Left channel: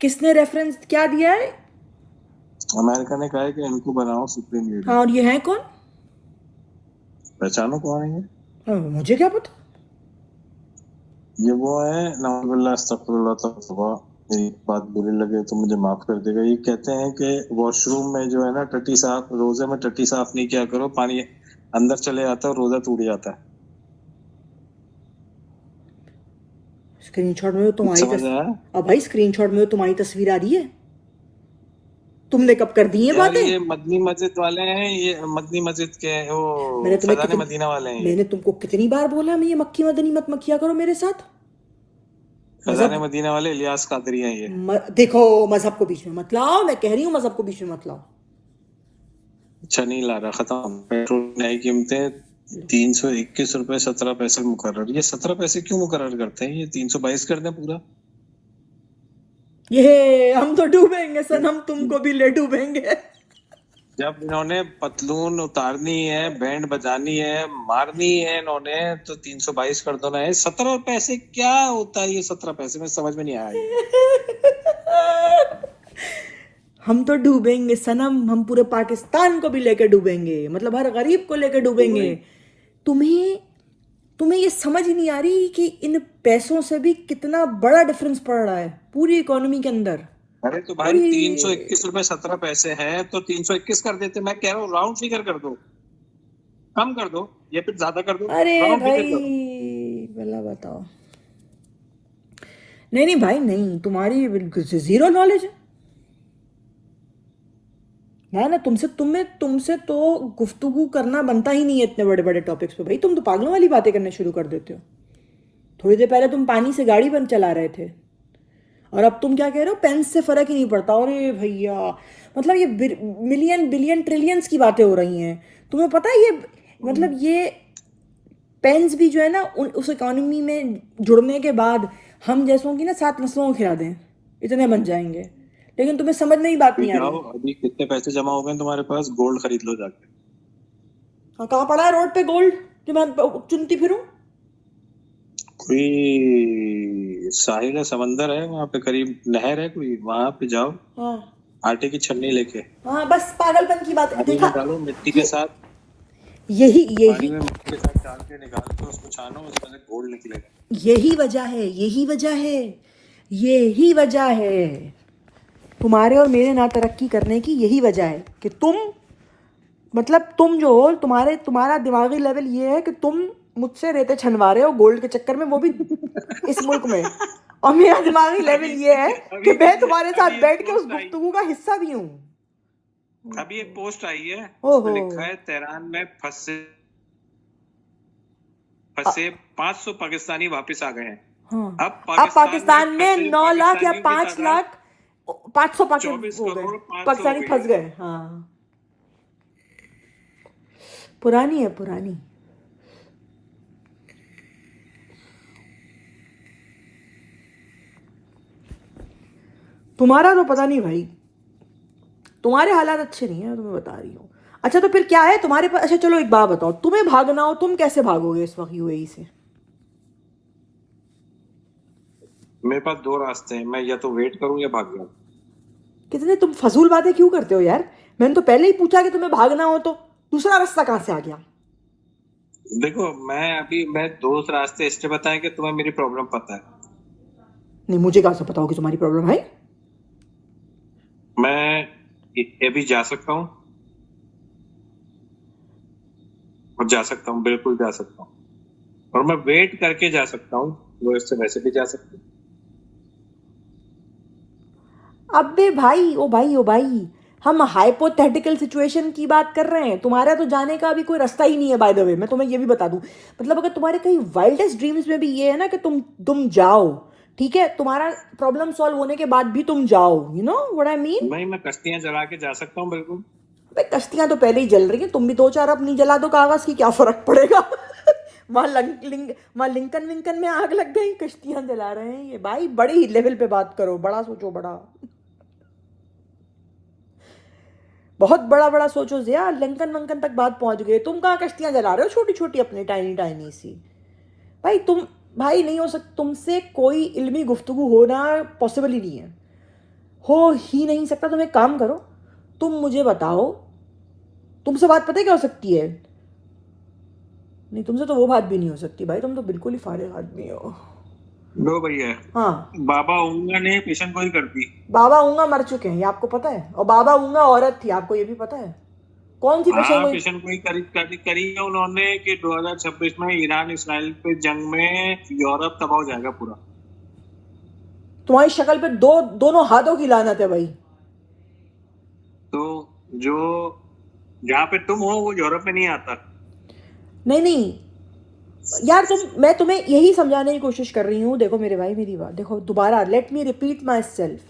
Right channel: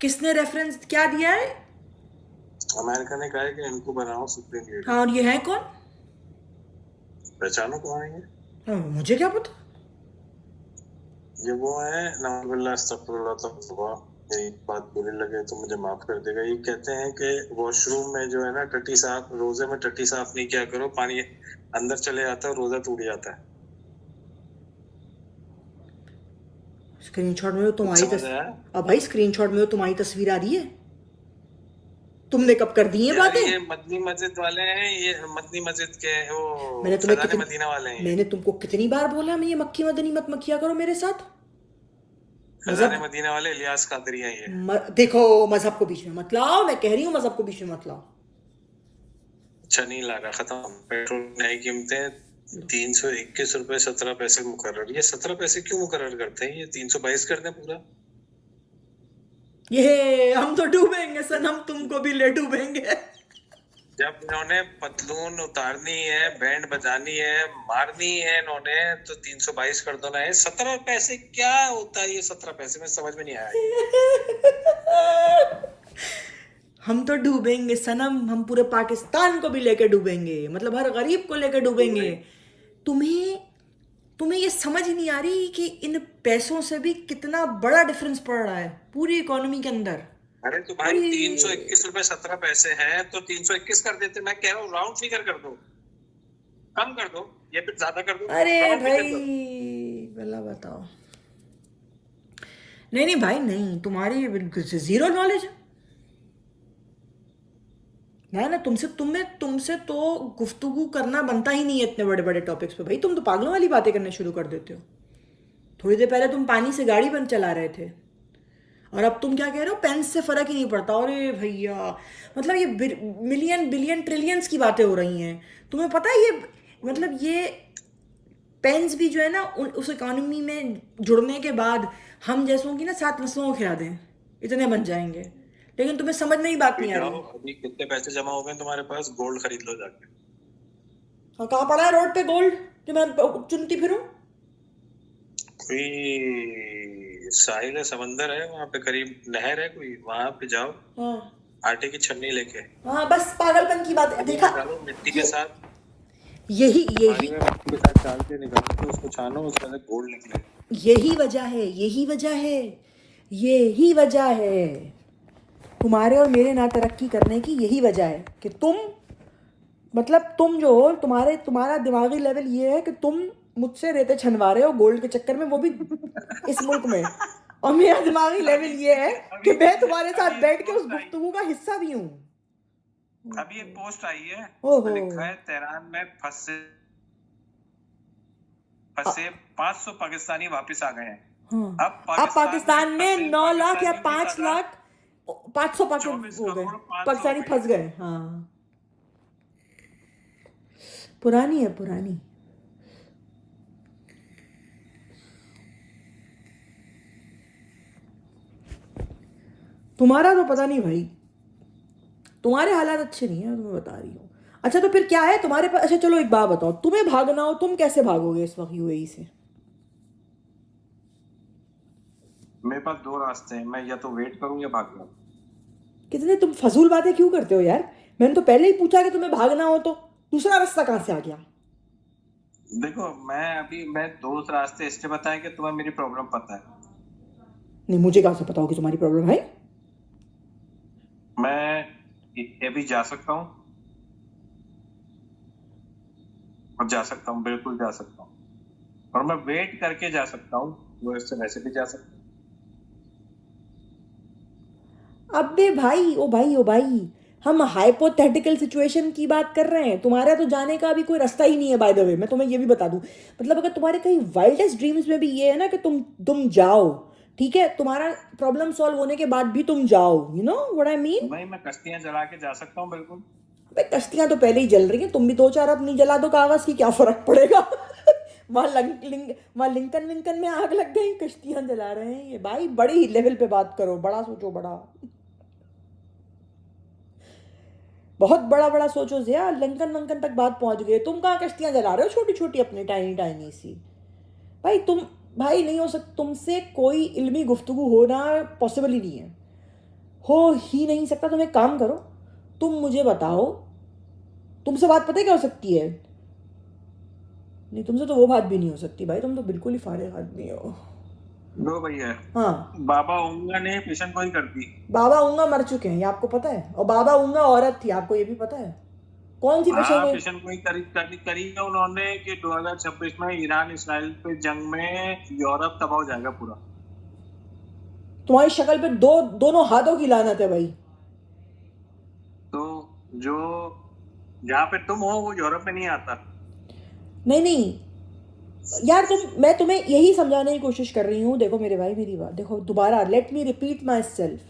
किसने रेफरेंस क्या दिया है? अमेरिका ने कहा है कि इनको बनाओ सुप्रीम लीडर। हाँ, और ये है कौन? पहचानो कौन है ये? हाँ, मुझे क्या पता। ये वो है, नाउजुबिल्लाह अस्तगफिरुल्लाह तौबा, मेरी बात बुरी लगे तो मुझे माफ कर देगा। ये कहते हैं कि वॉशरूम में जो है ना टट्टी साफ, रोजे में टट्टी साफ नहीं किया करो, पानी अंदर चले जाता है और रोजा टूट जाता है। स्क्रीनशॉट में तो तुम्हारी समझ आया? अब भाई स्क्रीनशॉट में तो तुम्हारी तस्वीर आ रही है। तुमने कब कर दी ये यार बातें? ये मदनी मस्जिद वाले हैं, ये मदनी मस्जिद के वो मैंने तुम्हें फैजान कितनी मदीना वाले हैं ये। मैंने तुमको कितनी बार बोला मैं ये मक्खी मदनी मत मक्खिया करो मेरे साथ। फैजान मजहब मदीना वाले इलियास कादरी हैं ये। देखो, मजहब को बीच में मत लाओ, मैं कह रही हूँ मजहब को बीच में मत लाओ। अच्छा नहीं ला रहा, खत्म। पेट्रोल की नई कीमतें 321 रुपए 17 पैसे मुकर्रर। ये 17 पैसे क्यों मुकर्रर करते हैं? ये 322 कर दें पूरा। ये हम तो डूबेंगे सनम, तुमको भी ले डूबेंगे। जब इन्होंने पतलून उतारनी है, बैंड बजानी है, मारनी है इन्होंने, तो 322 कर दो ना। ये 17 पैसे क्या होता है? ये 17 पैसे में समझ में नहीं आया ये। हम तो डूबेंगे सनम, हम पूरे पाकिस्तान को भी लेके डूबेंगे, मतलब हर गरीब को लेके तो डूबेंगे। तुम्हें तुम्हें ये समझ नहीं आ रही कि इन पैसों से भी कितना बड़ा डिफरेंस पड़ रहा है पूरी इकोनॉमी के अंदर। अरे तो भाई पूरी 321 रुपए 17 पैसे हैं तो 321 कर देते। मैं कह रहा हूँ राउंड फिगर कर दो, कम कर दो या फिर ज्यादा कर दो, अरे राउंड फिगर भाई, करो। भला बताओ। नहीं नहीं भाई, नहीं, तुम्हारी जीरो नॉलेज है ना तुमसे तो गुफ्तगू करना बनता ही नहीं है इतने बड़े बड़े टॉपिक्स पे। भाई तुम तो पागलों वाली बातें करना शुरू कर देते हो। थोड़ी देर पहले तुम पानी से गाड़ी बंद चला रहे थे, और अब तुम क्या कह रहे हो, पेंस से फर्क ही नहीं पड़ता। अरे भैया, मतलब ये मिलियन बिलियन ट्रिलियंस की बातें हो रही हैं। तुम्हें पता है ये, मतलब ये पेंस भी जो है ना उस इकोनॉमी में जुड़ने के बाद हम जैसों की ना 7 नस्लों को खिला दें, इतने बन जाएंगे। लेकिन तुम्हें समझ में ही बात अभी नहीं आ रही। जाओ, अभी कितने पैसे जमा हो गए तुम्हारे पास, गोल्ड खरीद लो जाके। हाँ, कहाँ पड़ा है रोड पे गोल्ड जो मैं चुनती फिरूं? कोई साहिल है, समंदर है वहां पे, करीब नहर है कोई, वहां पे जाओ, हाँ आटे की छन्नी लेके हाँ, बस पागलपन की बात है, पानी देखा। में डालो, मिट्टी के ये साथ, यही पानी यही में मिट्टी के साथ डाल के निकाल के उसको छानो, उसमें से गोल्ड निकलेगा। यही वजह है, यही वजह है, यही वजह है तुम्हारे और मेरे ना तरक्की करने की। यही वजह है कि तुम जो हो, तुम्हारा दिमागी लेवल ये है कि तुम मुझसे रेते छनवा रहे हो गोल्ड के चक्कर में, वो भी इस मुल्क में। और मेरा दिमागी लेवल अभी ये है कि अभी मैं तुम्हारे साथ अभी एक बैठ के उस पोस्ट आई, गुफ्तगू का हिस्सा भी हूँ। अभी एक पोस्ट आई है, उसमें ओहो। लिखा है तेहरान में फंसे अ- फंसे 500 पाकिस्तानी वापस आ गए हैं। हाँ, अब अब पाकिस्तान में पाकिस्तान में फंसे 9 लाख या पाकिस्तानियों की 5 लाख, तादाद 500 पाके 24 हो गए, करोड़ 500 हो पाकिस्तानी गई फंस है। गए। हाँ, पुरानी है पुरानी। तुम्हारा तो पता नहीं भाई, तुम्हारे हालात अच्छे नहीं है, मैं तुम्हें बता रही हूँ। अच्छा तो फिर क्या है तुम्हारे पास? अच्छा चलो एक बात बताओ, तुम्हें भागना हो तुम कैसे भागोगे इस वक्त यूएई से? मेरे पास दो रास्ते हैं, मैं या तो वेट करूं या भाग जाऊं। कितने तुम फजूल बातें क्यों करते हो यार? मैंने तो पहले ही पूछा कि तुम्हें भागना हो, तो दूसरा रास्ता कहाँ से आ गया? देखो मैं दो रास्ते इसलिए बताए कि तुम्हें मेरी प्रॉब्लम पता है। नहीं, मुझे कहाँ से पता होगी तुम्हारी प्रॉब्लम है? मैं ये भी जा सकता हूँ और जा सकता हूँ, बिल्कुल जा सकता हूँ, और मैं वेट करके जा सकता हूँ, वो इससे वैसे भी जा सकता हूँ। अबे भाई, ओ भाई ओ भाई, हम हाइपोथेटिकल सिचुएशन की बात कर रहे हैं। तुम्हारा तो जाने का अभी कोई रास्ता ही नहीं है, बाय द वे मैं तुम्हें ये भी बता दूं। मतलब अगर तुम्हारे कहीं वाइल्डेस्ट ड्रीम्स में भी ये है ना कि तुम जाओ, ठीक है, तुम्हारा प्रॉब्लम सॉल्व होने के बाद भी तुम जाओ, you know what I mean. नहीं, मैं कश्तियां जला के जा सकता हूँ, बिल्कुल। भाई कश्तियां तो पहले ही जल रही हैं, तुम भी दो चार अपनी जला दो कागज की, क्या फर्क पड़ेगा? वहां लिंकन विंकन में आग लग गई, कश्तियां जला रहे हैं ये। भाई बड़े ही लेवल पे बात करो, बड़ा सोचो, बड़ा, बहुत बड़ा बड़ा सोचो जिया। लंकन वंकन तक बात पहुंच गई, तुम कहाँ कश्तियां जला रहे हो छोटी छोटी अपनी, टाइनी टाइनी सी। भाई तुम, भाई नहीं हो सकता तुमसे कोई इल्मी गुफ्तगू होना, पॉसिबल ही नहीं है। हो ही नहीं सकता। तुम एक काम करो, तुम मुझे बताओ, तुमसे बात पता है क्या हो सकती है? नहीं, तुमसे तो वो बात भी नहीं हो सकती भाई, तुम तो बिल्कुल ही फाड़े आदमी हो। लो भैया, हाँ, बाबा ऊँगा ने पेशन गोई कर दी। बाबा ऊंगा मर चुके हैं, ये आपको पता है? और बाबा ऊंगा औरत थी, आपको ये भी पता है? कौन सी पेशेंट हाँ, गोई? पेशन गोई करी है उन्होंने कि 2026 में ईरान इसराइल पे जंग में यूरोप तबाह हो जाएगा पूरा। तुम्हारी शक्ल पे दोनों हाथों की लानत है भाई। तो जो जहाँ पे तुम हो वो यूरोप में नहीं आता। नहीं नहीं यार, मैं तुम्हें यही समझाने की कोशिश कर रही हूँ। देखो मेरे भाई, मेरी बात देखो, दोबारा let me repeat my self.